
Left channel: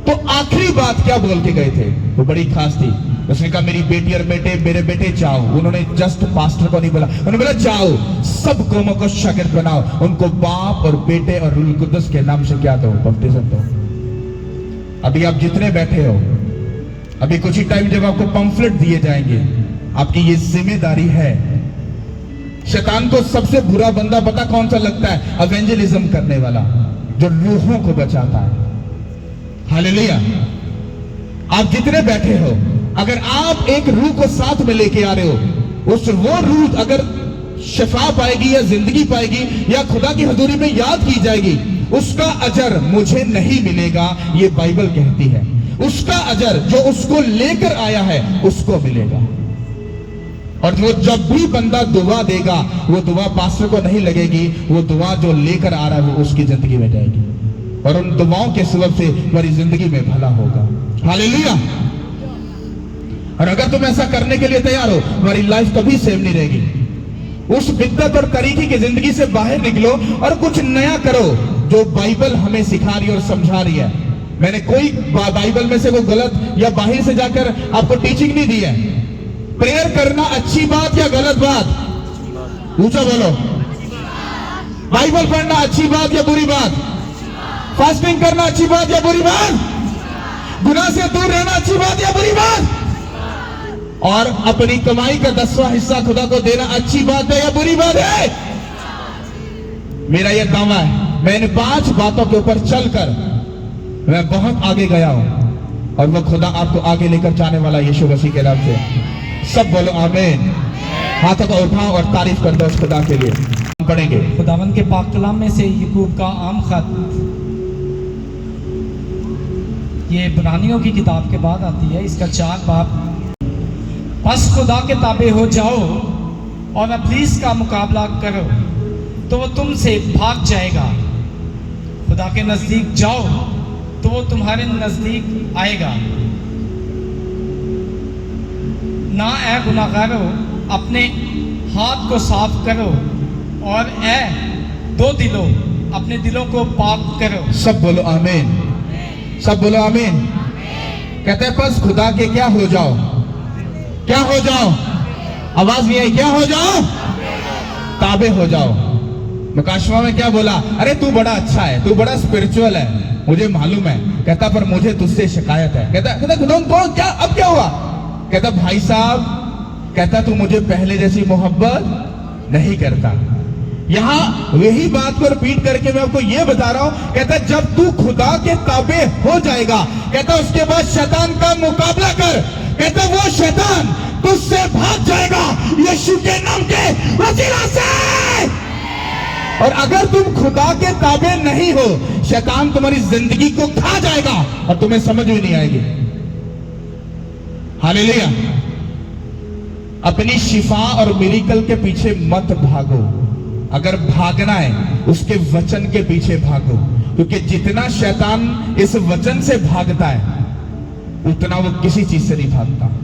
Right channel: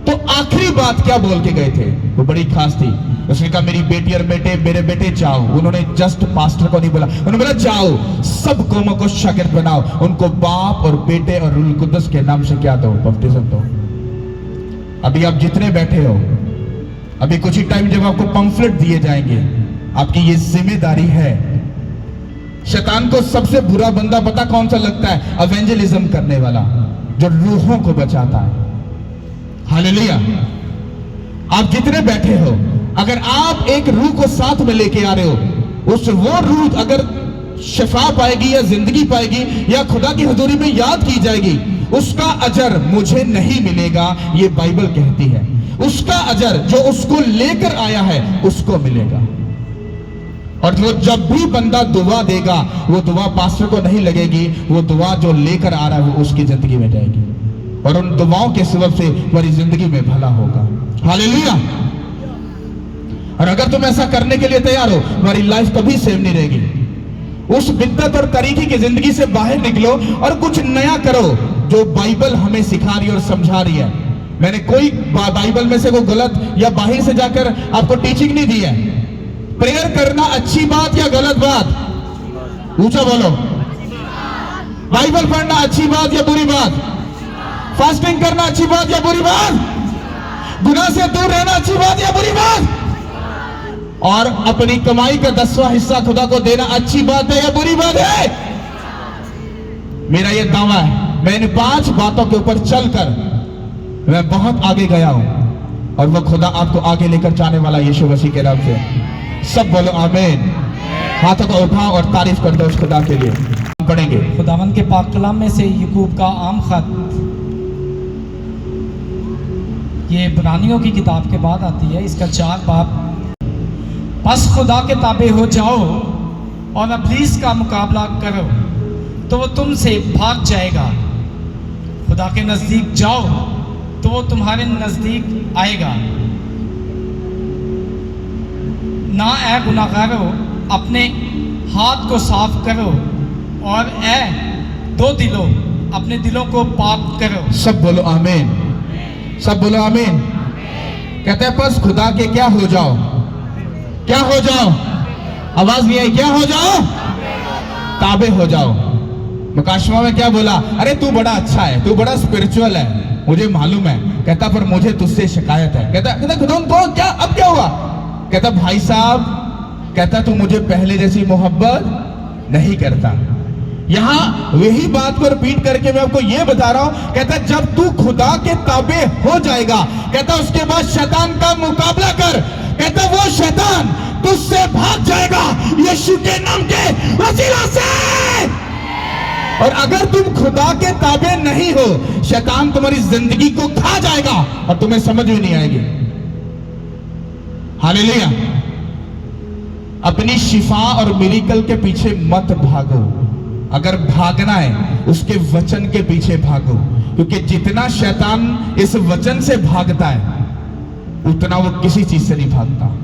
तो आखिरी बात क्या बोल के गए थे? वो बड़ी खास थी। उसने कहा मेरी बेटी और बेटे, मेरे बेटे जाओ। उन्होंने जस्ट पास्टर को नहीं बोला, उन्होंने बोला जाओ सब कौमों को शागिर्द बनाओ, उनको बाप और बेटे और रूह कुद्दस के नाम से क्या दो? बपतिस्म दो। अभी आप जितने बैठे हो, अभी कुछ ही टाइम जब आपको पंफलेट दिए जाएंगे, आपकी ये जिम्मेदारी है। शैतान को सबसे बुरा बंदा पता कौन सा लगता है? एवेंजलिज्म करने वाला, जो रूहों को बचाता है। हालेलुया। आप जितने बैठे हो, अगर आप एक रूह को साथ में लेके आ रहे हो, वो रूह अगर शिफा पाएगी या जिंदगी पाएगी या खुदा की हुजूरी में याद की जाएगी, उसका अजर मुझे नहीं मिलेगा, ये बाइबल कहती है। उसका अजर जो उसको लेकर आया है उसको मिलेगा। और वो जब भी बंदा दुआ देगा, वो दुआ पास्टर को नहीं लगेगी, वो दुआ जो लेकर आ रहा है वो उसकी जिंदगी में जाएगी, और उन दुआओं के सबब से तुम्हारी जिंदगी में भला होगा। हालेलुया। और अगर तुम ऐसा करने के लिए तैयार हो, तुम्हारी लाइफ कभी सेव नहीं रहेगी। उस बिद्दत और तरीके की जिंदगी से बाहर निकलो और कुछ नया करो जो बाइबल हमें सिखा रही है और समझा रही है। मैंने कोई बाइबल में से वो गलत या बाहर से जाकर आपको टीचिंग नहीं दी है। प्रेयर करना अच्छी बात या गलत बात? ऊंचा बोलो। बाइबल पढ़ना अच्छी बात या बुरी बात? फास्टिंग करना अच्छी बात या बुरी बात? गुनाह से दूर रहना अच्छी बात या बुरी बात? और अपनी कमाई का 10वां हिस्सा खुदा को देना अच्छी बात है या बुरी बात है? मेरा यह दावा है, मैं इन 5 बातों के ऊपर चलकर मैं बहुत आगे गया हूं, और वो खुदा आपको आगे लेकर जाने वाला यीशु मसीह के नाम से। सब बोलो आमीन। हाथों को उठाओ और तारीफ कर दो इस खुदा के लिए। पढ़ेंगे खुदावंद के पाक कलाम में से याकूब का आम खत, ये इब्रानियों की किताब के बाद आती है, इसका 4 बाब। बस खुदा के ताबे हो जाओ और इब्लीस का मुकाबला करो तो वो तुमसे भाग जाएगा। खुदा के नजदीक जाओ तो वो तुम्हारे नजदीक आएगा। ना ऐ गुनाहगारो, अपने हाथ को साफ करो, और ऐ दो दिलों, अपने दिलों को पाक करो। सब बोलो आमीन। सब बोलो आमीन। कहते हैं बस खुदा के क्या हो जाओ? क्या हो जाओ? आवाज नहीं आई। क्या हो जाओ? ताबे हो जाओ। मुकाशमा में क्या बोला? अरे तू बड़ा अच्छा है, तू बड़ा स्पिरिचुअल है, मुझे मालूम है। कहता पर मुझे तुझसे शिकायत है। कहता कौन? क्या? अब क्या हुआ? कहता भाई साहब, कहता तू मुझे पहले जैसी मोहब्बत नहीं करता। यहां वही बात को रिपीट करके मैं आपको ये बता रहा हूं। कहता जब तू खुदा के ताबे हो जाएगा, कहता उसके बाद शैतान का मुकाबला कर, कहते वो शैतान तुझसे भाग जाएगा यीशु के नाम के वसीला से। और अगर तुम खुदा के ताबे नहीं हो, शैतान तुम्हारी जिंदगी को खा जाएगा और तुम्हें समझ भी नहीं आएगी। हालेलुया। अपनी शिफा और मिरेकल के पीछे मत भागो। अगर भागना है उसके वचन के पीछे भागो, क्योंकि जितना शैतान इस वचन से भागता है उतना वो किसी चीज से नहीं भागता।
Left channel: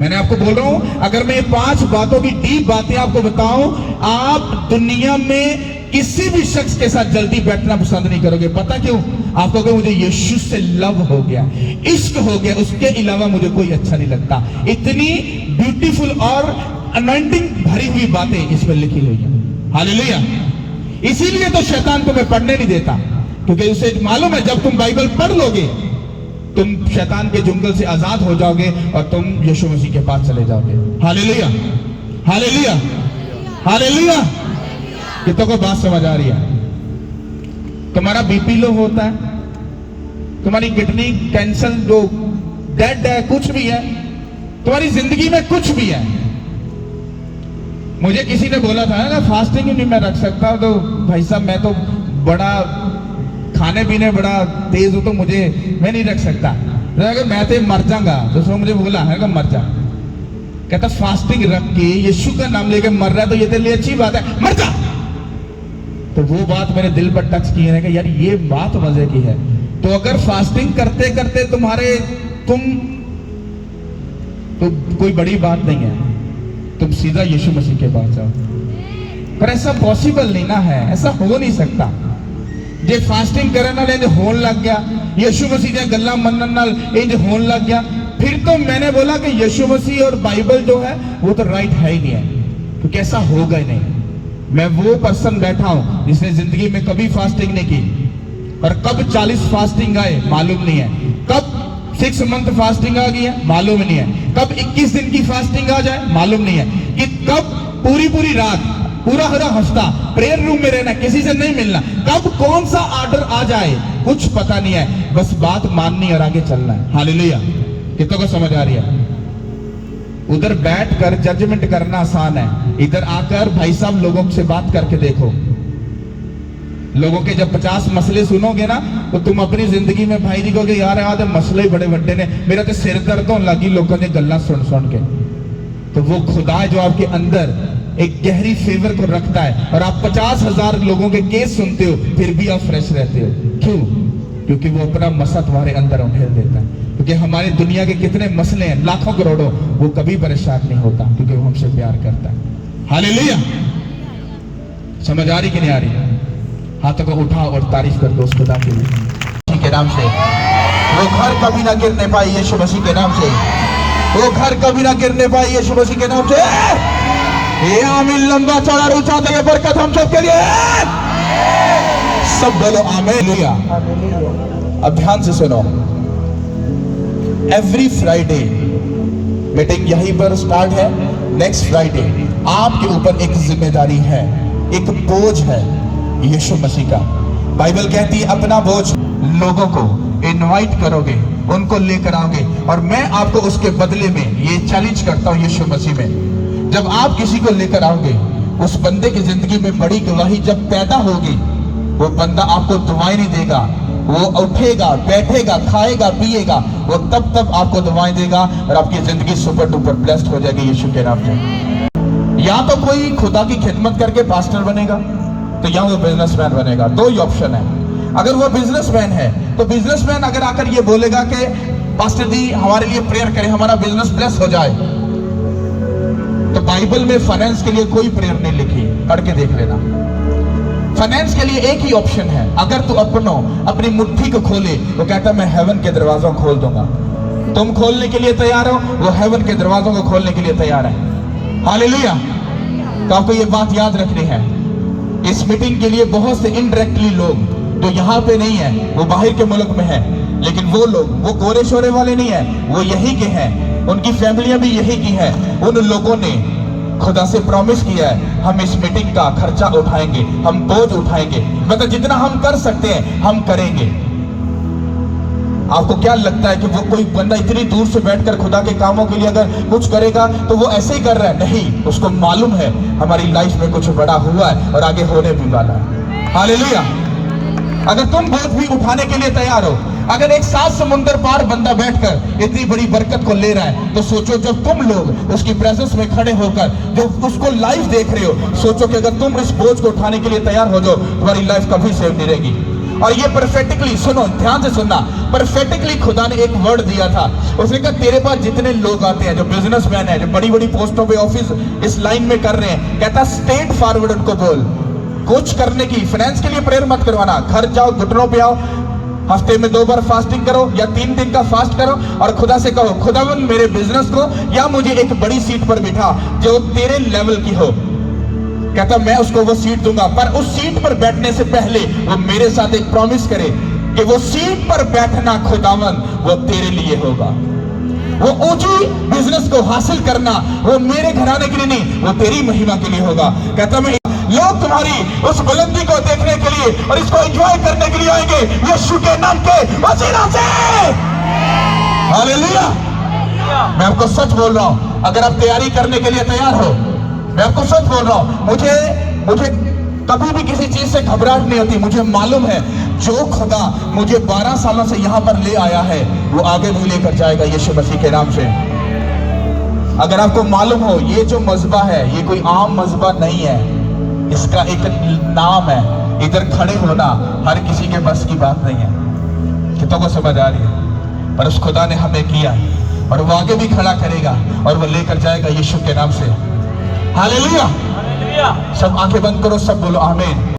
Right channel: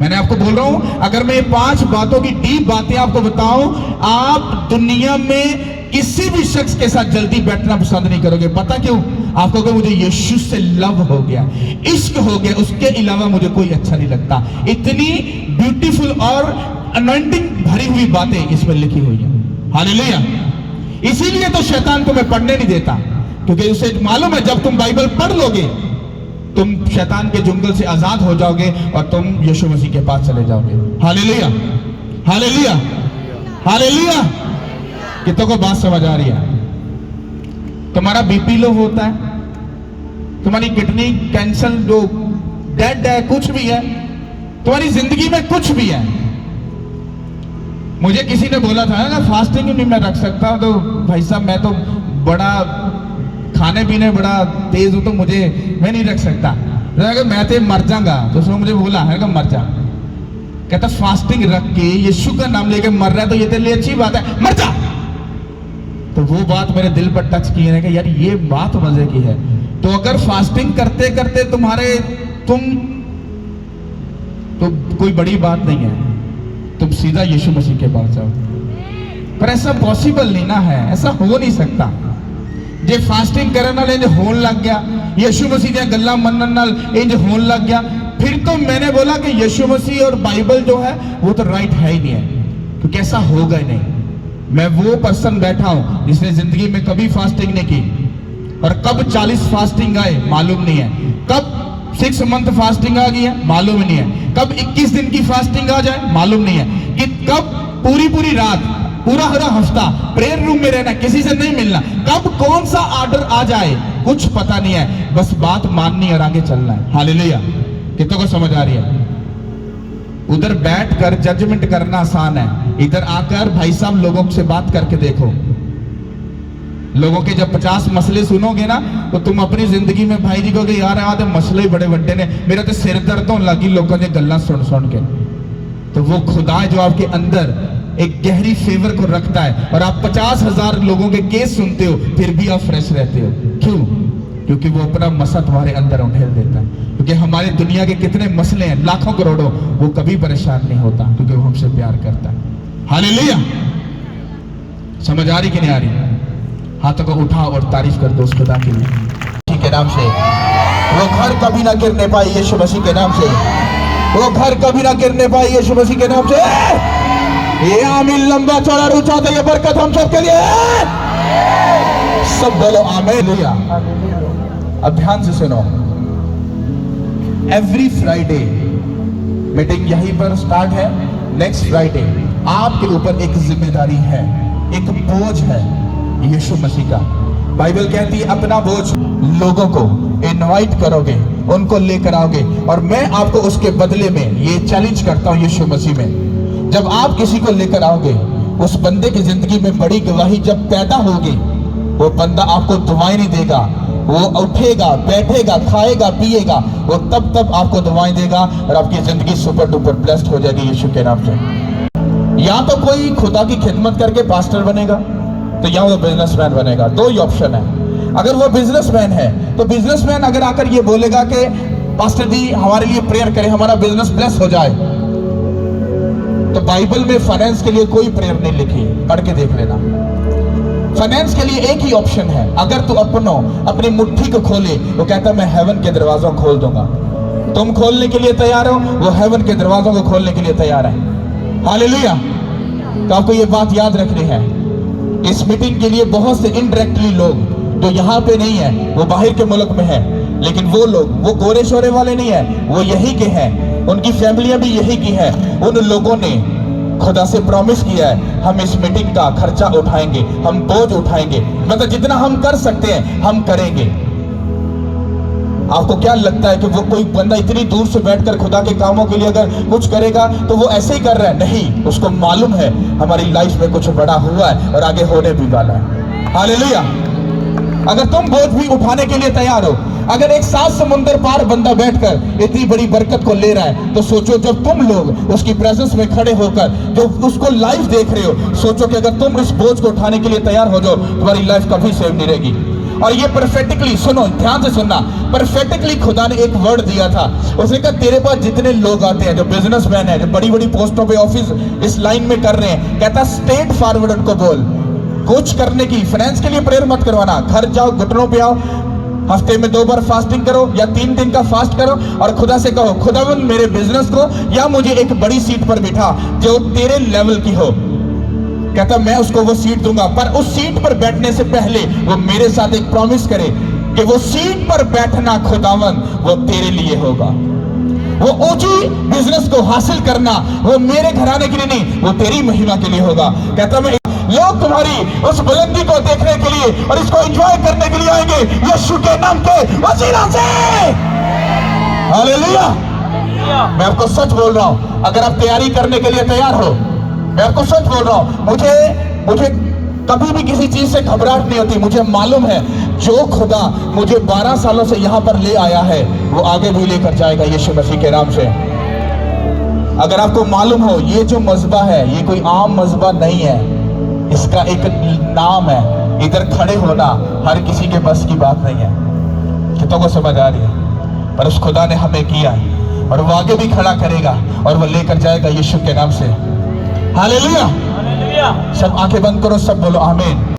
मैंने आपको बोल रहा हूं, अगर मैं 5 बातों की डीप बातें आपको बताऊं, आप दुनिया में किसी भी शख्स के साथ जल्दी बैठना पसंद नहीं करोगे। पता क्यों? आप कहोगे मुझे यीशु से लव हो गया, इश्क हो गया, उसके अलावा मुझे कोई अच्छा नहीं लगता। इतनी ब्यूटीफुल और अनॉइंटिंग भरी हुई बातें इसमें लिखी हुई है। हालेलुया। इसीलिए तो शैतान तुम्हें पढ़ने नहीं देता, क्योंकि उसे मालूम है जब तुम बाइबल पढ़ लोगे तुम शैतान के जुंगल से आजाद हो जाओगे और तुम यीशु मसीह के पास चले जाओगे। Hallelujah, hallelujah, hallelujah. कितनों को बात समझ आ रही है? तुम्हारा बीपी लो होता है, तुम्हारी किडनी कैंसर लो, डेड है, कुछ भी है, तुम्हारी जिंदगी में कुछ भी है। मुझे किसी ने बोला था ना फास्टिंग नहीं मैं रख सकता, तो भाई साहब मैं तो बड़ा खाने पीने बड़ा तेज हूं, तो मैं नहीं रख सकता। तो अगर मैं तो मर जाऊंगा, तो उसने मुझे बोला है मर जा। कहता फास्टिंग रख के यीशु का नाम लेके मर रहा है तो ये तेरे लिए अच्छी बात है, मर जा। तो वो बात मेरे दिल पर टच की है कि यार ये बात मजे की है। तो अगर फास्टिंग करते करते तुम तो कोई बड़ी बात नहीं है, तुम सीधा यीशु मसीह के पास जाओ। पर ऐसा पॉसिबल नहीं ना है, ऐसा हो नहीं सकता। जे फास्टिंग करने वाले होन लग गया, यीशु मसीह ने गल्ला मनन नाल इंज होन लग गया, फिर तो मैंने बोला कि यीशु मसीह और बाइबल जो है वो तो राइट है ही नहीं है, क्योंकि ऐसा होगा ही नहीं। मैं वो पर्सन बैठा हूं जिसने जिंदगी में कभी फास्टिंग नहीं की, और कब 40 फास्टिंग आए मालूम नहीं है, कब 6 मंथ फास्टिंग आ गई है मालूम नहीं है, कब 21 दिन की फास्टिंग आ जाए मालूम नहीं है, कि कब पूरी रात पूरा हफ्ता प्रेयर रूम में रहना, किसी से नहीं मिलना, कब कौन सा ऑर्डर आ जाए कुछ पता नहीं है, बस बात माननी और आगे चलना है। हालेलुया। कितनों को समझ आ रही है? उधर बैठकर जजमेंट करना आसान है, इधर आकर भाई साहब लोगों से बात करके देखो। लोगों के जब 50 मसले सुनोगे ना तो तुम अपनी जिंदगी में भाई जी कहोगे यार आते मसले बड़े बड़े ने, मेरा तो सिर दर्द होने लगी लोगों ने गल्ला सुन के। तो वो खुदा है जो आपके अंदर एक गहरी फेवर को रखता है, और आप 50,000 लोगों के केस सुनते हो फिर भी आप फ्रेश रहते हो। क्यों? क्योंकि वो अपना मसला तुम्हारे अंदर उठेल देता है। क्योंकि हमारे दुनिया के कितने मसले हैं, लाखों करोड़ों, वो कभी परेशान नहीं होता, क्योंकि वो हमसे प्यार करता है। हालेलुया। समझ आ रही कि नहीं आ रही? हाथों को उठाओ और तारीफ कर दो उस खुदा के लिए। मसीह के नाम से वो घर कभी ना गिरने पाई, यीशु मसीह के नाम से वो घर कभी ना गिरने पाई, यीशु मसीह के नाम से। ये आमीन लंबा चौड़ा रुचा तो ये बरकत हम सबके लिए। सब बोलो आमीन। अब ध्यान से सुनो, एवरी फ्राइडे मीटिंग यहीं पर स्टार्ट है। नेक्स्ट फ्राइडे आपके ऊपर एक जिम्मेदारी है, एक बोझ है यीशु मसीह का। बाइबल कहती है अपना बोझ लोगों को इनवाइट करोगे, उनको लेकर आओगे, और मैं आपको उसके बदले में ये चैलेंज करता हूं यीशु मसीह में, जब आप किसी को लेकर आओगे उस बंदे की जिंदगी में बड़ी गवाही जब पैदा होगी, वो बंदा आपको दुआएं नहीं देगा, वो उठेगा, बैठेगा, खाएगा, पिएगा, वो तब आपको दुआएं देगा और आपकी जिंदगी सुपर डुपर ब्लेस्ड हो जाएगी यीशु के नाम से। या तो कोई खुदा की खिदमत करके पास्टर बनेगा, तो या वो बिजनेसमैन बनेगा। 2 ही ऑप्शन है। अगर वो बिजनेसमैन है तो बिजनेसमैन अगर आकर ये बोलेगा कि पास्टर जी हमारे लिए प्रेयर करें, हमारा बिजनेस ब्लेस हो जाए, तो बाइबल में फाइनेंस के लिए कोई प्रेयर नहीं लिखी, करके देख लेना। फाइनेंस के लिए एक ही ऑप्शन है, अगर तू अपनी मुट्ठी को खोले तो कहता मैं हेवन के दरवाजों खोल दूंगा। तुम खोलने के लिए तैयार हो, वो हेवन के दरवाजों को खोलने के लिए तैयार है। हालेलुया। तो आपको ये बात याद रखनी है। इस मीटिंग के लिए बहुत से इनडायरेक्टली लोग जो यहाँ पे नहीं है, वो बाहर के मुल्क में है, लेकिन वो लोग वो गोरे शोरे वाले नहीं है, वो यही के हैं, उनकी फैमिलियां भी यही की हैं। उन लोगों ने खुदा से प्रॉमिस किया है हम इस मीटिंग का खर्चा उठाएंगे, हम बोझ उठाएंगे, मतलब जितना हम कर सकते हैं हम करेंगे। आपको क्या लगता है कि वो कोई बंदा इतनी दूर से बैठकर खुदा के कामों के लिए अगर कुछ करेगा तो वो ऐसे ही कर रहा है? नहीं, उसको मालूम है हमारी लाइफ में कुछ बड़ा हुआ है और आगे होने भी वाला है। हालेलुया। अगर तुम बोझ भी उठाने के लिए तैयार हो, अगर एक 7 समुंदर पार बंदा बैठकर इतनी बड़ी बरकत को ले रहा है, तो सोचो जब तुम लोग उसकी प्रेजेंस में खड़े होकर जो उसको लाइव देख रहे हो, सोचो कि अगर तुम इस बोझ को उठाने के लिए तैयार हो जाओ, तुम्हारी लाइफ कभी सेव नहीं रहेगी। और ये परफेक्टली सुनो, ध्यान से सुनना, परफेक्टली खुदा ने एक वर्ड दिया था। उसने कहा तेरे पास जितने लोग आते हैं, जो बिजनेसमैन है, जो बड़ी बड़ी पोस्टों पे ऑफिस इस लाइन में कर रहे हैं, कहता स्ट्रेट फॉरवर्ड उनको बोल, कुछ करने की फाइनेंस के लिए प्रेयर मत करवाना, घर जाओ, घुटनों पे आओ, हफ्ते में 2 बार फास्टिंग करो या 3 दिन का फास्ट करो और खुदा से कहो, खुदावन मेरे बिजनेस को या मुझे एक बड़ी सीट पर बिठा जो तेरे लेवल की हो। कहता मैं उसको वो सीट दूंगा, पर उस सीट पर बैठने से पहले वो मेरे साथ एक प्रॉमिस करे कि वो सीट पर बैठना खुदावन वो तेरे लिए होगा, वो ऊंची बिजनेस को हासिल करना वो मेरे घराने के लिए नहीं, वो तेरी महिमा के लिए होगा। कहता मैं लोग तुम्हारी उस बुलंदी को देखने के लिए और इसको एंजॉय करने के लिए आएंगे यीशु के नाम के वसीला से। हालेलुया। मैं आपको सच बोल रहा हूं, अगर आप तैयारी करने के लिए तैयार हो, मैं आपको सच बोल रहा हूं, मुझे कभी भी किसी चीज से घबराहट नहीं होती। मुझे मालूम है जो खुदा मुझे 12 सालों से यहां पर ले आया है वो आगे भी लेकर जाएगा यीशु मसीह के नाम से। अगर आपको मालूम हो ये जो मजबा है ये कोई आम मजबा नहीं है, इसका एक नाम है। इधर खड़े होना हर किसी के बस की बात नहीं है, कितनों को समझ आ रही है? पर उस खुदा ने हमें किया और वो आगे भी खड़ा करेगा और वो लेकर जाएगा यीशु के नाम से। हालेलुया। सब आंखें बंद करो, सब बोलो आमीन।